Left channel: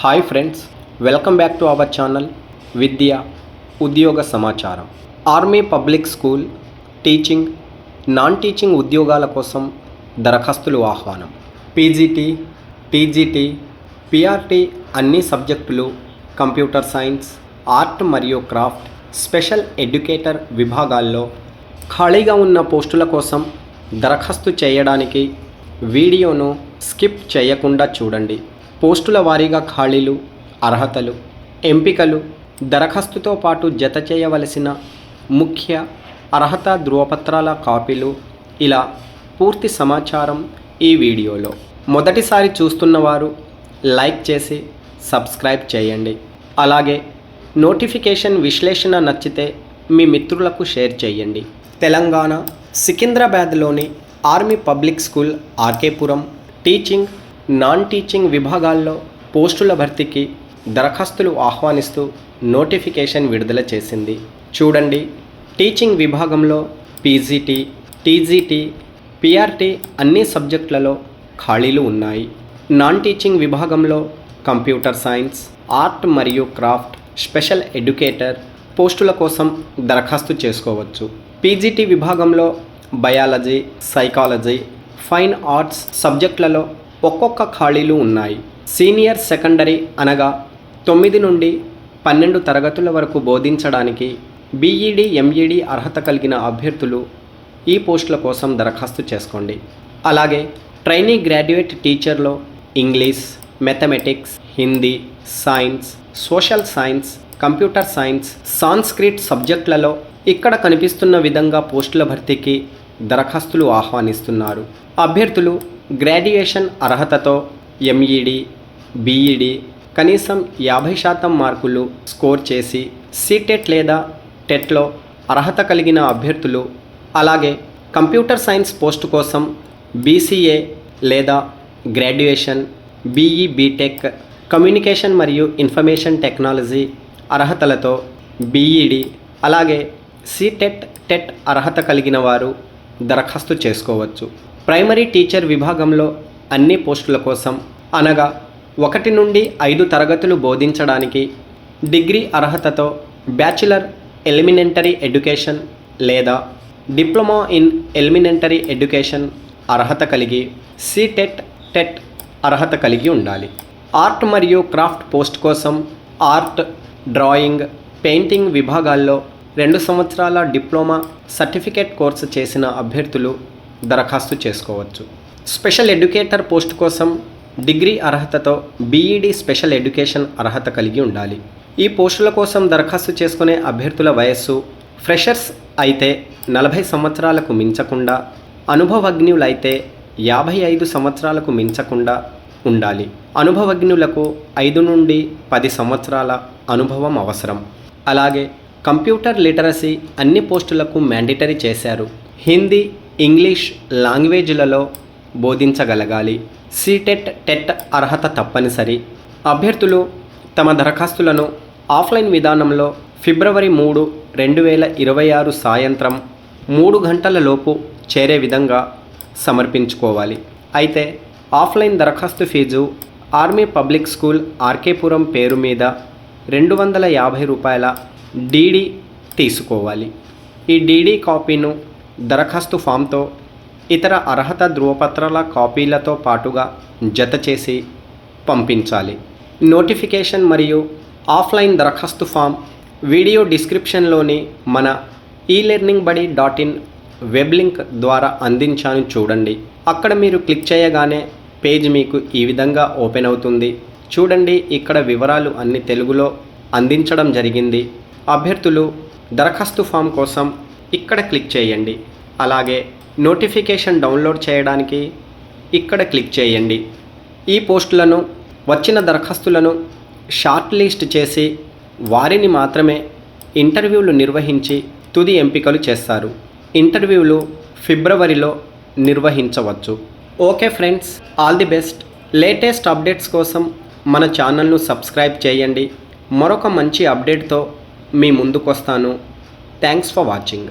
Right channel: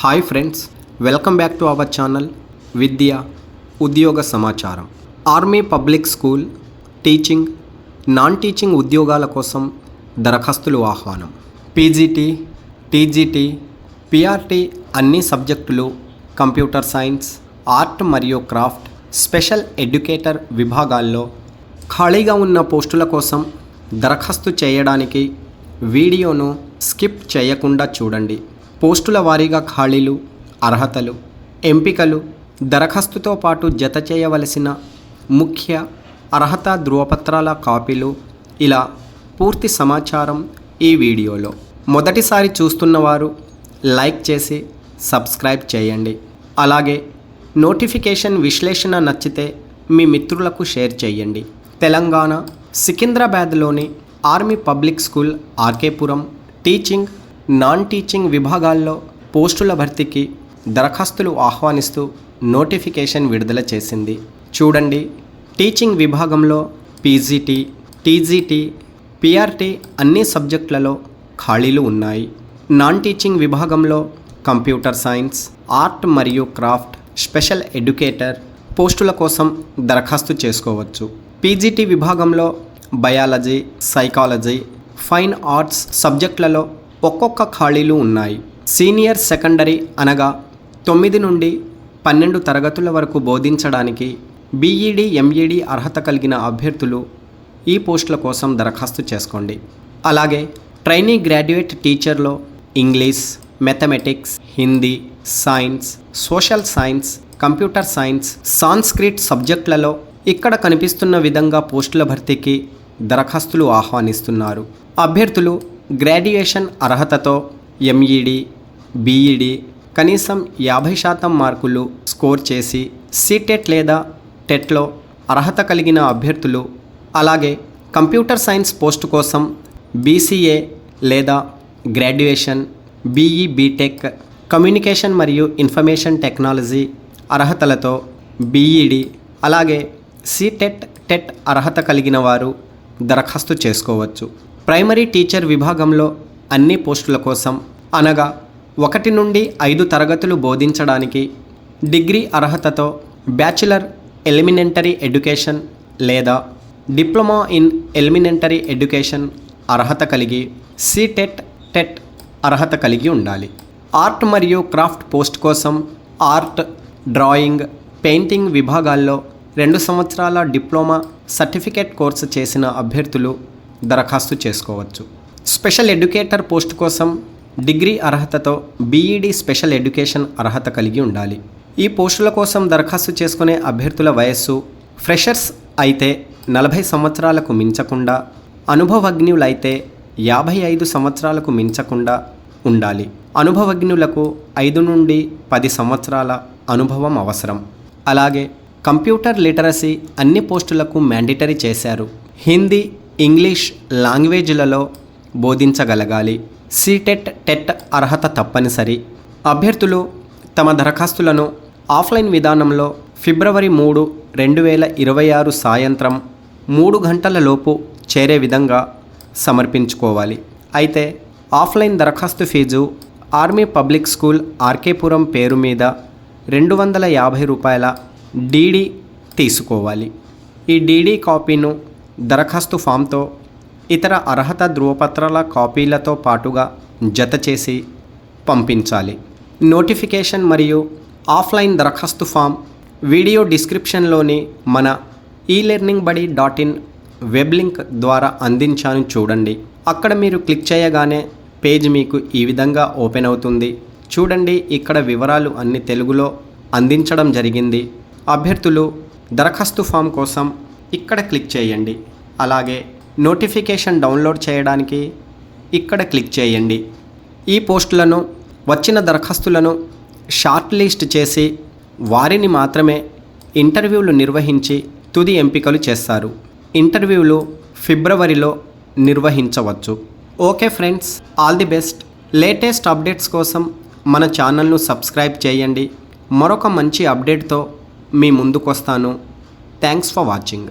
Hi friends, welcome back to our channel విద్య ఉద్యోగ సమాచారం. Army public school teaching, non teaching ఉద్యోగాల కోసం దరఖాస్తులు ఆహ్వానం. పీజీటీ, టీజీటీ, పీఆర్టీ అన్ని సబ్జెక్టులు, కంప్యూటర్ సైన్స్, ఆర్ట్ మరియు క్రాఫ్ట్, స్పెషల్ ఎడ్యుకేటర్ విభాగాల్లో ఖాళీగా ఉన్న పోస్టుల కోసం దరఖాస్తు చేయడానికి వీడియోను స్కిప్ చేయకుండా చూడండి. పోస్టుల వారీగా ఖాళీలు, అర్హతలు, ఎంపికలు, దరఖాస్తుతో పాటు జత చేయవలసిన ముఖ్య అర్హత ధృవపత్రాల కాపీలు, ఇలా పూర్తి సమాచారం ఈ వీడియోలో. మొదటిసారి చూస్తున్నవారు లైక్ చేసి సబ్స్క్రైబ్ చేయండి. అలాగే నోటిఫికేషన్ విశ్లేషణ నచ్చితే మీ మిత్రులకు షేర్ చేయండి. తెలంగాణ సికింద్రాబాద్లోని army public school R K Puram teaching, non teaching విభాగాల్లో పోస్టుల భర్తీకి దరఖాస్తులు ఆహ్వానిస్తూ నోటిఫికేషన్ విడుదల చేసింది. చూడండి, టీచింగ్ విభాగంలో పీజీటీ, టీజీటీ, పీఆర్టీ అన్ని సబ్జెక్టులలో ఖాళీలు ఉన్నాయి. నాన్ టీచింగ్ విభాగంలో కంప్యూటర్ సైన్స్, ఆర్ట్ మరియు క్రాఫ్ట్, స్పెషల్ ఎడ్యుకేటర్ పోస్టుల కోసం దరఖాస్తు చేసుకోవచ్చు. పీజీటీ విభాగంలో బయాలజీ, సైకాలజీ, ఫైన్ ఆర్ట్స్ సబ్జెక్టులలో ఒక్కొక్క ఖాళీలు ఉన్నాయి. సీనియర్ సెకండరీ అనగా 9 నుండి 12 తరగతుల వరకు బోధించడానికి బీఈడీ, ఎంఈడీ అర్హత కలిగిన అభ్యర్థులు ఈ పోస్టుల కోసం దరఖాస్తు చేసుకోండి. అలాగే ట్రైనీ గ్రాడ్యుయేట్ టీచర్లో English, mathematics, Hindi, science, social science, computer science, Sanskrit సబ్జెక్టులలో ఇక్కడ కనిపిస్తున్న విధంగా పోస్టుల భర్తీకి దరఖాస్తులు ఆహ్వానిస్తున్నారు. అభ్యర్థులు గ్రాడ్యుయేషన్ అర్హతతో ఎంఈడీ, బీఈడీ కనీసం 50% మార్కులు స్కోర్ చేసి సీటెట్ లేదా టెట్లో అర్హత కలిగిన అభ్యర్థులు, అలాగే కంప్యూటర్ సైన్స్ పోస్టు కోసం బీసీఏ లేదా గ్రాడ్యుయేషన్, బీఈ, బీటెక్, కమ్యూనికేషన్ మరియు ఇన్ఫర్మేషన్ టెక్నాలజీ అర్హతలతో బీఈడీ, అలాగే సీటెట్, టెట్ అర్హత కలిగిన వారు దరఖాస్తు చేసుకోవచ్చు. ప్రైమరీ టీచర్ విభాగంలో అన్ని పోస్టుల కోసం అనగా 1 నుండి 5 తరగతులు బోధించడానికి డిగ్రీ అర్హతతో బ్యాచిలర్ ఎలిమెంటరీ ఎడ్యుకేషన్ లేదా డిప్లొమా ఇన్ ఎలిమెంటరీ ఎడ్యుకేషన్ అర్హత కలిగి సీటెట్, టెట్ అర్హత కలిగి ఉండాలి. ఆర్ట్ మరియు క్రాఫ్ట్ పోస్ట్ కోసం ఆర్ట్, డ్రాయింగ్, పెయింటింగ్ విభాగాల్లో 2 సంవత్సరాల డిప్లొమా సర్టిఫికేట్ కోర్సు చేసిన అభ్యర్థులు దరఖాస్తు చేసుకోవచ్చు. స్పెషల్ ఎడ్యుకేటర్ పోస్ట్ కోసం డిగ్రీ అర్హతతో బీఈడీ స్పెషల్ ఎడ్యుకేషన్ అర్హత కలిగి ఉండాలి. ఈ పోస్టుల కోసం దరఖాస్తు చేసుకునే అభ్యర్థుల వయస్సు ఫ్రెషర్స్ అయితే 40 సంవత్సరాలకు మించకుండా, అనుభవజ్ఞులైతే 55 సంవత్సరాలకు మించకుండా ఉండాలి. అనుభవజ్ఞులకు 5 నుండి 10 సంవత్సరాల అనుభవం అవసరం. అలాగే కంప్యూటర్ లిటరసీ అన్ని పోస్టులకు మ్యాండేటరీ చేశారు. హిందీ, ఇంగ్లీష్ లాంగ్వేజ్లలో బోధించగలగాలి. సీటెట్, టెట్ అర్హత తప్పనిసరి. అభ్యర్థులు తమ దరఖాస్తులను ఆఫ్లైన్ విధానంలో ఫిబ్రవరి 3, 2026 సాయంత్రం 3 గంటల లోపు చేరే విధంగా సమర్పించుకోవాలి. అయితే ఆఫ్లైన్ దరఖాస్తు fee army public school R K Puram పేరు మీద ₹250 డీడీ తీసుకోవాలి. ఈ డీడీ కాపీను దరఖాస్తు ఫామ్తో ఇతర అర్హత ధృవపత్రాల కాపీలతో పాటుగా జత చేసి పంపించాలి. నోటిఫికేషన్ మరియు ఆఫ్లైన్ దరఖాస్తు ఫామ్ వీడియో డిస్క్రిప్షన్లోని మన elearningbuddy.in వెబ్ లింక్ ద్వారా అందించాను, చూడండి. అక్కడ మీరు క్లిక్ చేయగానే పేజ్ మీకు ఈ విధంగా ఓపెన్ అవుతుంది. చూడండి, ఇక్కడ వివరాలు అన్ని తెలుగులో అందించడం జరిగింది. అభ్యర్థులు దరఖాస్తు ఫామ్ కోసం ఇక్కడ క్లిక్ చేయండి. అలాగే నోటిఫికేషన్ డౌన్లోడ్ చేయడానికి ఇక్కడ క్లిక్ చేయండి. ఈ పోస్టులను, వచ్చిన దరఖాస్తులను షార్ట్ లిస్ట్ చేసి వారిని మాత్రమే ఇంటర్వ్యూలు నిర్వహించి తుది ఎంపికలు చేస్తారు. ఇంటర్వ్యూలు ఫిబ్రవరిలో నిర్వహించవచ్చు. Okay friends, all the best. Latest updates కోసం మన ఛానల్ను సబ్స్క్రైబ్ చేయండి. మరొక మంచి అప్డేట్తో మీ ముందుకు వస్తాను. Thanks for watching.